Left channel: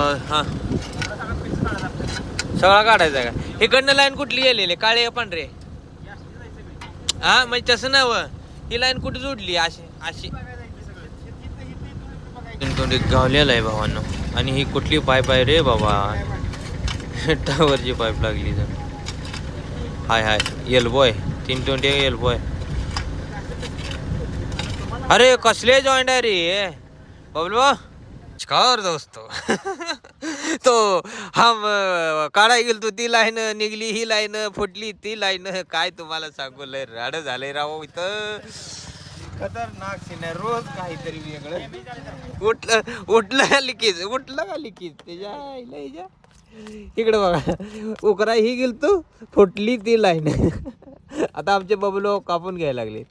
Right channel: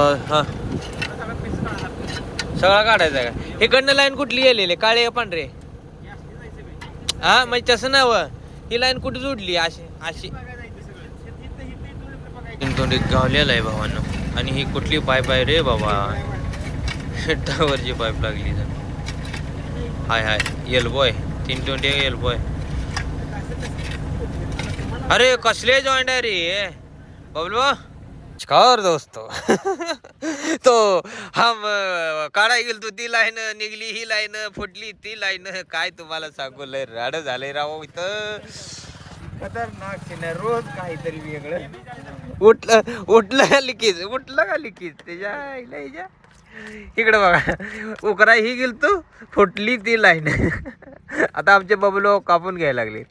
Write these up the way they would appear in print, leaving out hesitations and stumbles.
हा सगळा काढायचा का? इकडनं लाईन कुठली गेलेली काळे पांढरे? हा म्हणजे तसं नाव ही लाईन कुठे जोडली अशी अशी गावलेला आहे भावांनो. आणि ही कुठली पाईप आहे रे बाबा? टावरची पाईप लागली का? हाय हाय एल्बो आहे 320 एल्बो आहे. अरे कसले जॉईंट आहे रे बबलू? नमस्कार दोस्तो. तो हम काढाय गेल तू ती लाईन निघली, ही लाईन फुटली, ती लाईन काय तुम्हाला सांगू लय राड झालंय राव इथं. खतरनाक सीन आहे रोज काहीतरी वेगळं. उठलं का लिकीज त्याच्या इकडे बघा उकरा ही गेल तू फुटली ती लाईन. आता आमचे बबलो कापून घ्यायला लागले.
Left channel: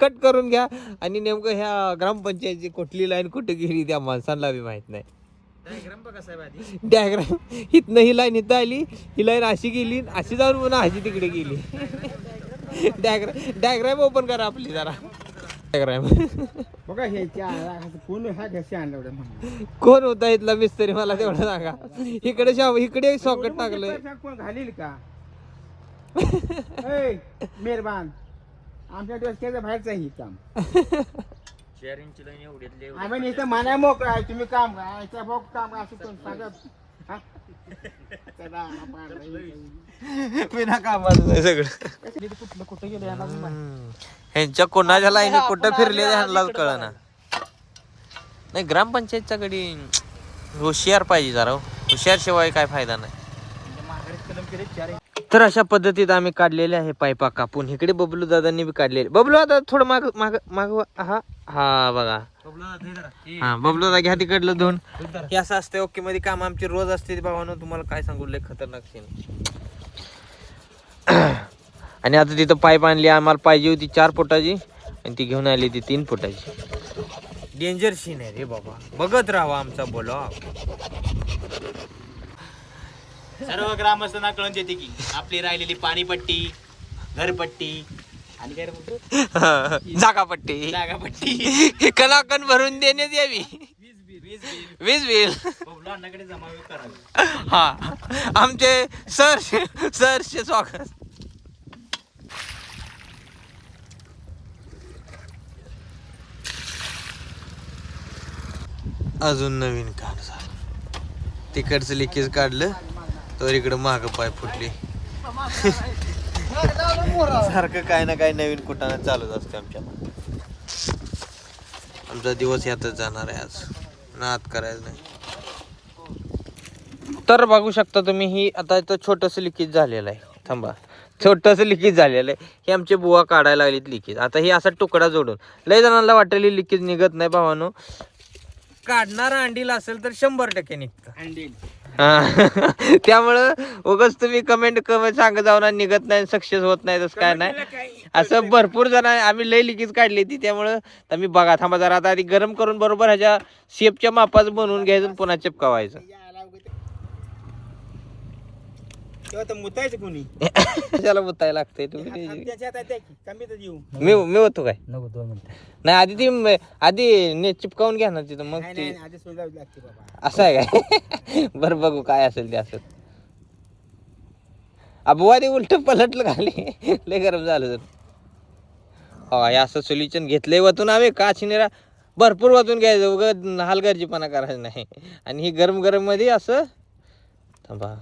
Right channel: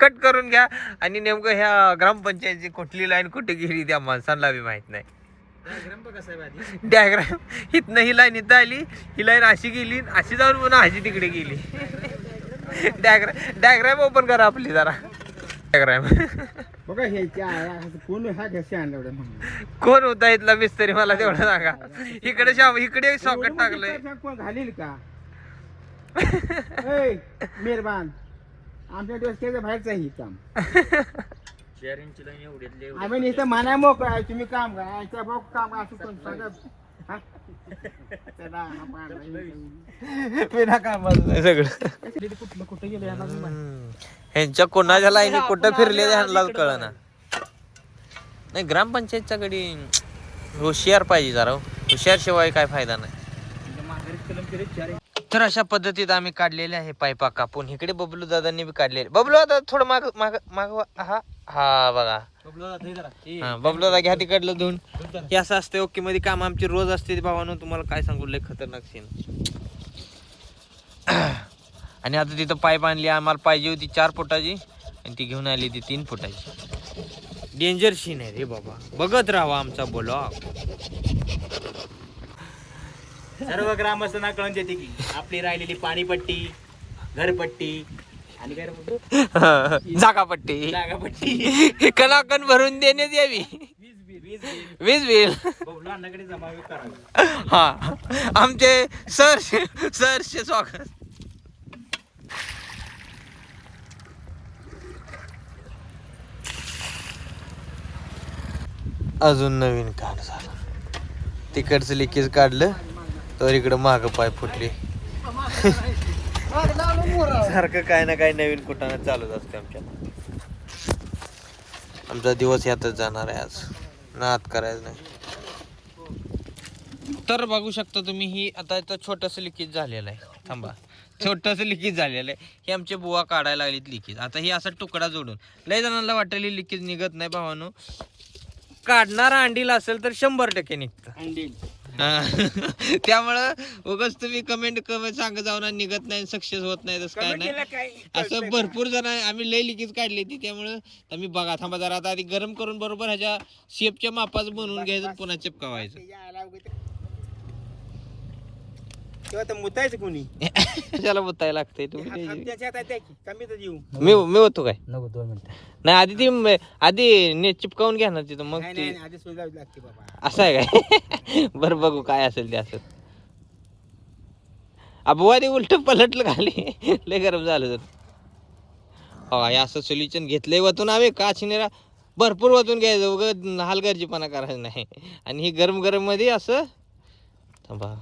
कट करून घ्या. आणि नेमकं ह्या ग्रामपंचायतची कुठली लाईन कुठे गेली त्या माणसांना बी माहित नाही. डायग्राम इथनं ही लाईन इथं आली, ही लाईन अशी गेली, अशी जाऊन पुन्हा अशी तिकडे गेली. डायग्राम ओपन करा आपली जरा. डायग्राम कोण होता इथला मिस्त्री मला तेवढं सांगा. इकडे सॉकेट टाकलंय. घालील का मेहरबान आमच्या डोसक्याचं बाहेरचं ही काम. आम्ही इथं मना मोकळा आहे, तुम्ही काम करा बघ काम असं कोण सांगत सगळं कुठे गेले ह्यांच्या कोणाच्या लाईनी कुठं फिरले ह्यांना कळना. नाही ग्रामपंचायतच्या कडे हुशार पाहिजे जरा. हुशार शिवाय काय फायदा नाही. तर अशा पद्धतीत आम्ही काढलेले आहे पायपा कापून. इकडे बबलू दादांनी बी काढलेले. बबलू दादा थोडं माग माग माग हा हा बघा हा बबलू दादा घ्या तिकडलं धुवून. हे असं असते ओके मध्ये काम आमची रोज असते बाबांनो. तुम्हाला काय सांगू लय खतरनाक सीन. आणि आता तिथं पाईप आणली आम्हाला पाहिजे होती 4 फुटाची आणि ती घेऊन आली ती 3 फुटाची. डेंजर सीन आहे रे बाबा. बघत राहा आमचा ब्लॉग. सर्व ग्रामस्थांना कळून देते की आपली राहिलेली पाणीपट्टी, घरपट्टी आणि जागापट्टी कलाकन भरून देण्यात यावी. वीज बिल हा आमचे सरचे स्वागत. अजून नवीन काम झालं. तिकडचं लिकेज काढलं तर इकडं माग पाय फुटली. सारखं काय ना काय नवीन कुठाने चालूच असते आमच्या मागे. आमचा दिवस यातच जाणार आहे आज. नाद करायचं नाही. तर बघू शकता तुम्ही ही आता इथं छोटंसं लिकेज झालेलं आहे. थांबा छोटंसं लिकेज झालेलं आहे. हे आमचे बुवा काढायला लागलीत लिकेज. आता ही असा तुकडा जोडून लय जणांना वाटेल लिकेज निघत नाही भावानो. काढणारा अंडील असेल तर 100% निघतं. त्यामुळं उगाच तुम्ही कमेंट सांगत जाऊ ना निघत नाही सक्सेस होत नाही तसं काय नाही. असं भरपूर जण आम्ही लय लिकेज काढली ती. त्यामुळं तुम्ही बघा थांबा जरा आता आधी गरम करून बरोबर ह्याच्या शेपच्या मापाचं बनवून घ्यायचं पुन्हा चिपकावायचं. मुतायचं कोणी त्याला मुतायला लागतंय. तुम्ही मी होतो काय नको 2 मिनिटं नाही आधी ती आधी चिपकावून घ्या ना तिथं मग ती असं आहे काय. बरं बघू काय असेल ते असं. अबुवा ते उलट पलटलं खाली लय गरम झालं तर. हो हे असं सोल्युशन घेतलंय वतून आम्ही का चिनेरा भरपूर वतून घ्यायचं उगं हलगर्जीपणा करायचं नाही. आणि ही गरम गरम मध्ये असं थांबा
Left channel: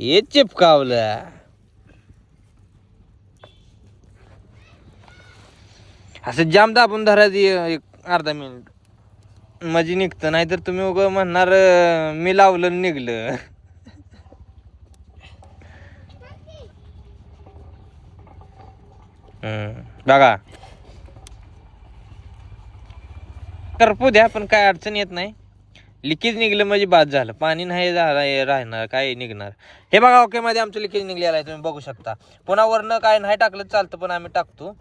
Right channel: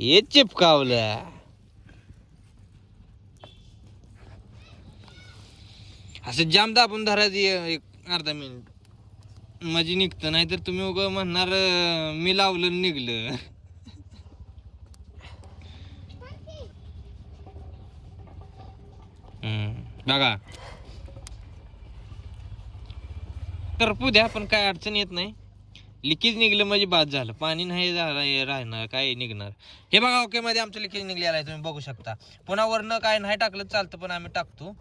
हे चिपकावलं. असं जाम दाबून धरायचं 1 अर्धा मिनिट मजी निघतं. नाही तर तुम्ही उगं म्हणणार मी लावलं निघलं. बघा करपू द्या पण काय अडचण येत नाही. लिकेज निघलं म्हणजे बाद झालं. पाणी नाही राहणार काय निघणार. हे बघा ओके मध्ये आमचं लिकेज निघलेलं आहे तुम्ही बघू शकता. पुन्हा वरनं काय नाही टाकलं चालतं पण आम्ही टाकतो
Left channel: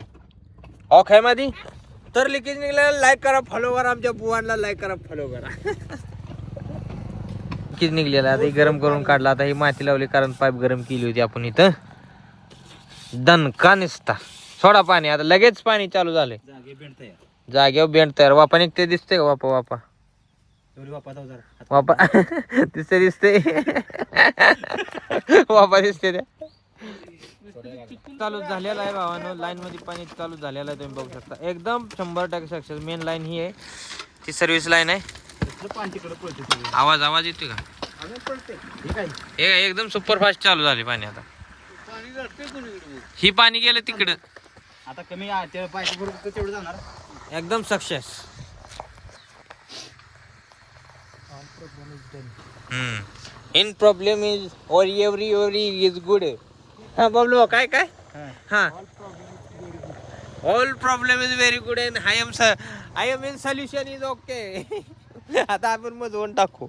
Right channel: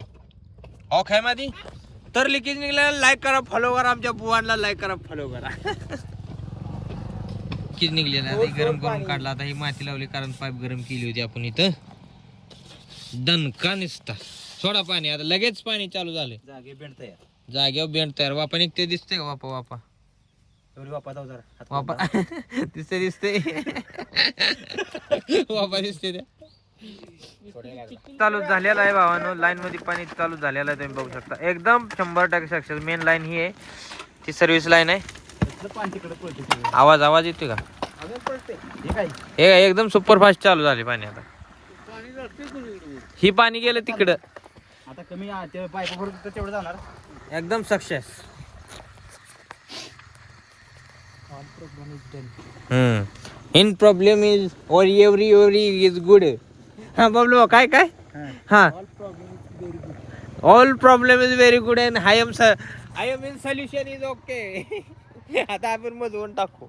ओके मध्ये. तर लिकेज निघलेलं लाईक करा फॉलो करा. आमच्या बुवांना लाईक करा फॉलो करा. लिकेज निघलेला आता गरम करून काढला. आता ही माती लावली कारण पाईप गरम केली होती आपण इथं. दणका निसता सोडा पाणी. आता लगेच पाणी चालू झालंय. जागेवर बेंड तयार वापा निघते दिसते का वापा एवढी वापस जाऊ जरा. वापा दिसते दिसते वापा दिसते त्या चालू झालेला आहे भावानो. लाईन मध्ये पाणी चालू झालेलं आहे, तुम्ही बघू शकता. एकदम 100% सक्सेस. मेन लाईन ही आहे, ती सर्व्हिस लाईन आहे. पाणी तिकडे पळते. आवाज येतोय का? हे एकदम सुपर फास्ट चालू झाले पाणी. आता ही पाणी गेलं तिकडं. आता कमी ते पाईप तेवढं जाणार. एकदम सक्सेस. इन प्रॉब्लेम इज और एव्हरी इज गुड. हा प्रॉब्लेम काय काय हा all problem is very good and I am in solution is okay. आता आपण मधून टाकू.